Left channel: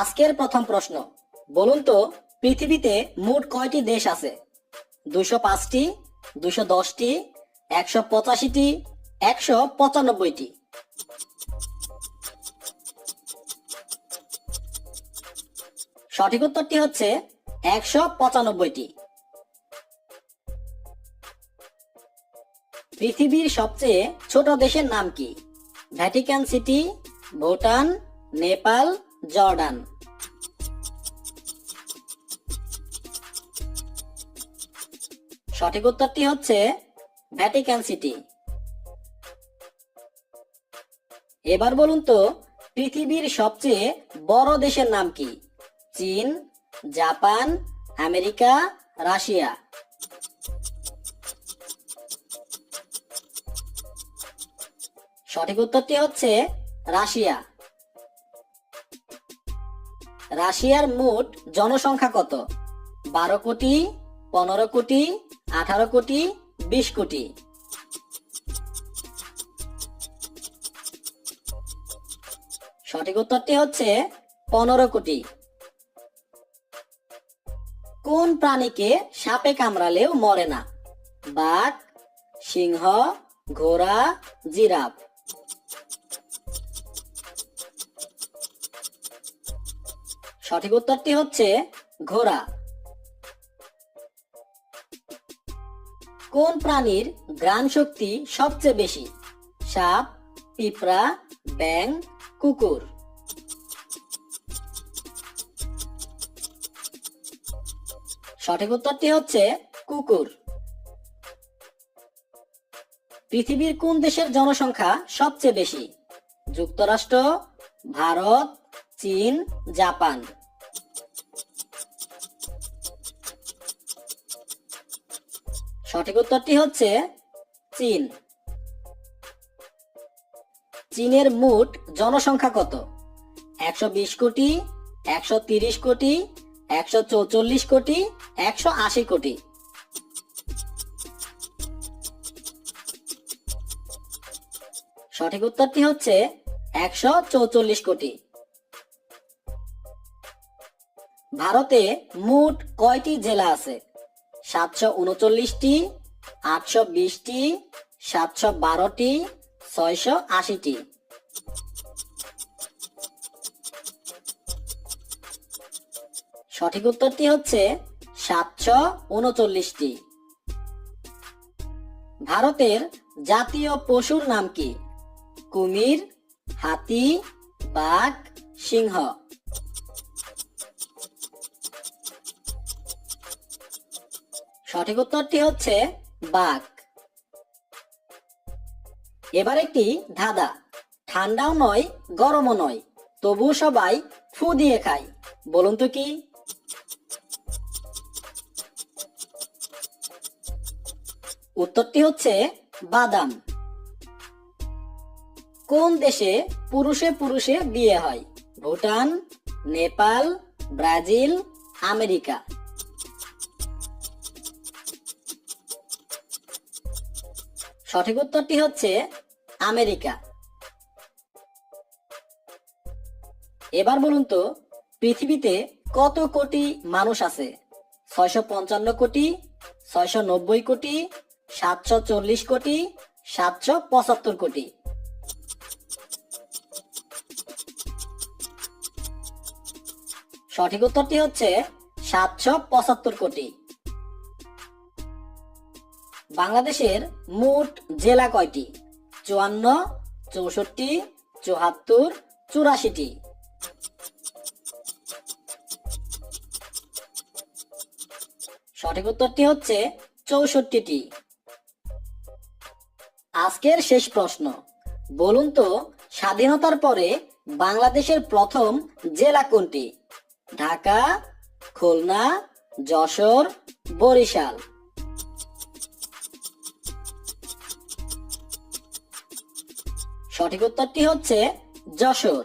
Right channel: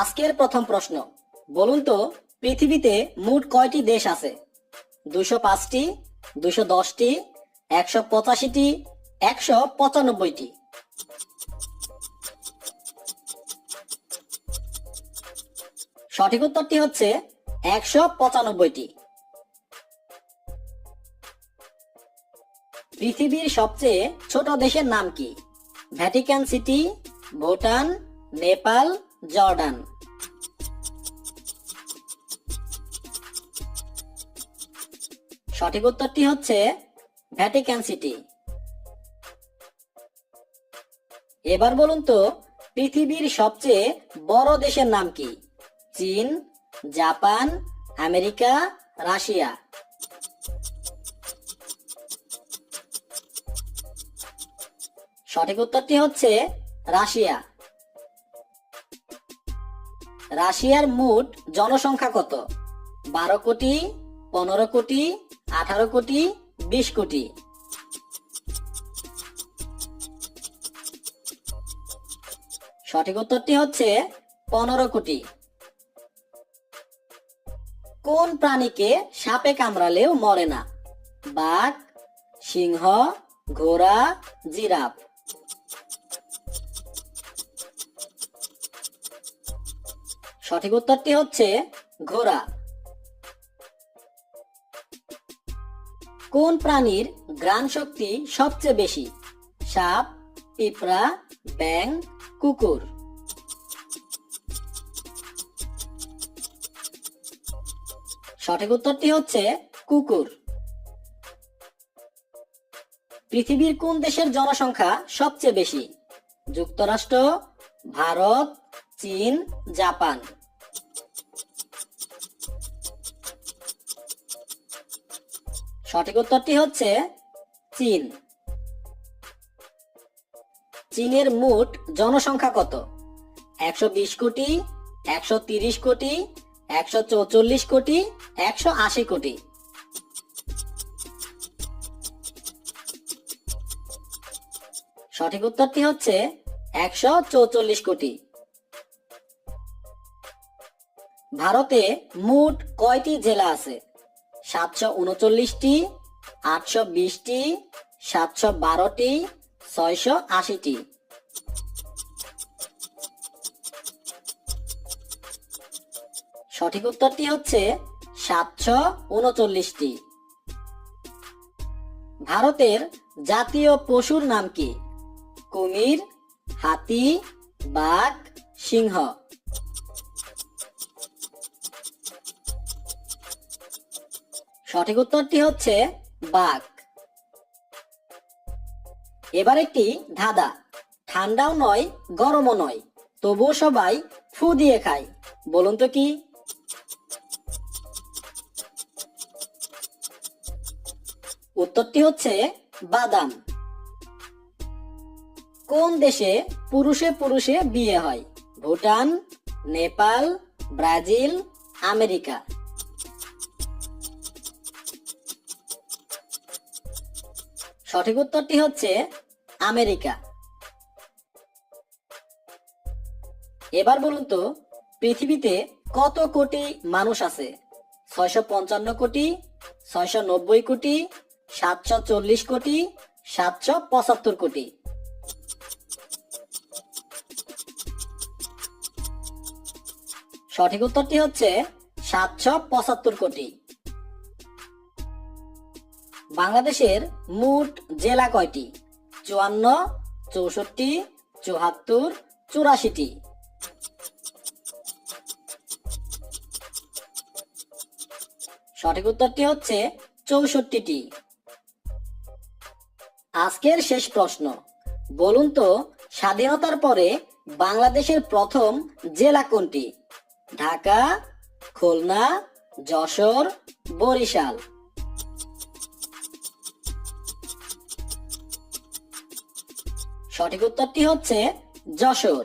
আজকের প্রথম প্রশ্ন, বলুন তো পৃথিবীতে মোট কয়টি দেশ আছে? 205টি, 210টি, 185টি, 195টি? সঠিক উত্তরটি হচ্ছে 195টি। পৃথিবীর সবচেয়ে ছোট দেশের নাম কি? Vatican city, Bhutan, Nepal, Jordan? সঠিক উত্তরটি হচ্ছে ভ্যাটিকান সিটি। এবার বলুন তো পৃথিবীর সবচেয়ে বড় দেশের নাম কি? চীন, জাপান, আমেরিকা, রাশিয়া? সঠিক উত্তরটি হচ্ছে রাশিয়া। রাশিয়ার মোট জনসংখ্যা কত? 12 কোটি, 15 কোটি, 18 কোটি, 20 কোটি? সঠিক উত্তরটি হচ্ছে 15 কোটি। কোন প্রাণীকে সাপে কামড়ালেও মরে না? বাঘ, সিংহ, ঘোড়া, জিরাফ? সঠিক উত্তরটি হচ্ছে ঘোড়া। কোন প্রাণীর ঘ্রাণ শক্তি সবচেয়ে বেশি? সাপ, পিঁপড়া, ব্যাঙ, কুকুর? সঠিক উত্তরটি হচ্ছে কুকুর। পৃথিবীর কোন দেশের জনসংখ্যা সবচেয়ে বেশি? যুক্তরাষ্ট্র, ভারত, চীন, জাপান? সঠিক উত্তরটি হচ্ছে চীন। চীনের মোট জনসংখ্যা কত? 120 কোটি, 130 কোটি, 144 কোটি, 180 কোটি? সঠিক উত্তরটি হচ্ছে 144 কোটি। ভারতে মোট কয়টি জেলা আছে? 739টি, 820টি, 712টি, 680টি? সঠিক উত্তরটি হচ্ছে 739টি। ভারতের জাতীয় পশুর নাম কি? কুমির, হাতি, বাঘ, সিংহ? সঠিক উত্তরটি হচ্ছে বাঘ। এবার একটি ধাঁধা, ঠান্ডাও নয় গরমও নয় তবুও সবাই ফু দিয়ে খায়, বলুন তো কি? উত্তরটি হচ্ছে বাদাম। কোন দেশে পুরুষে পুরুষে বিয়ে হয়? Bhutan, Nepal, Brazil, America? সঠিক উত্তরটি হচ্ছে আমেরিকা। এবার বলুন তো পৃথিবীতে কত কোটি মানুষ আছে? 655 কোটি, 690 কোটি, 740 কোটি, 775 কোটি? সঠিক উত্তরটি হচ্ছে 775 কোটি। বাংলাদেশের মোট জেলা কয়টি? 54, 64, 74, 84টি? সঠিক উত্তরটি হচ্ছে 64টি। আজকের শেষ প্রশ্ন, বলুন তো স্বাধীনতার পরে বাংলাদেশের প্রথম জেলা কোনটি? ঢাকা, খুলনা, যশোর, বরিশাল? সঠিক উত্তরটি হচ্ছে যশোর।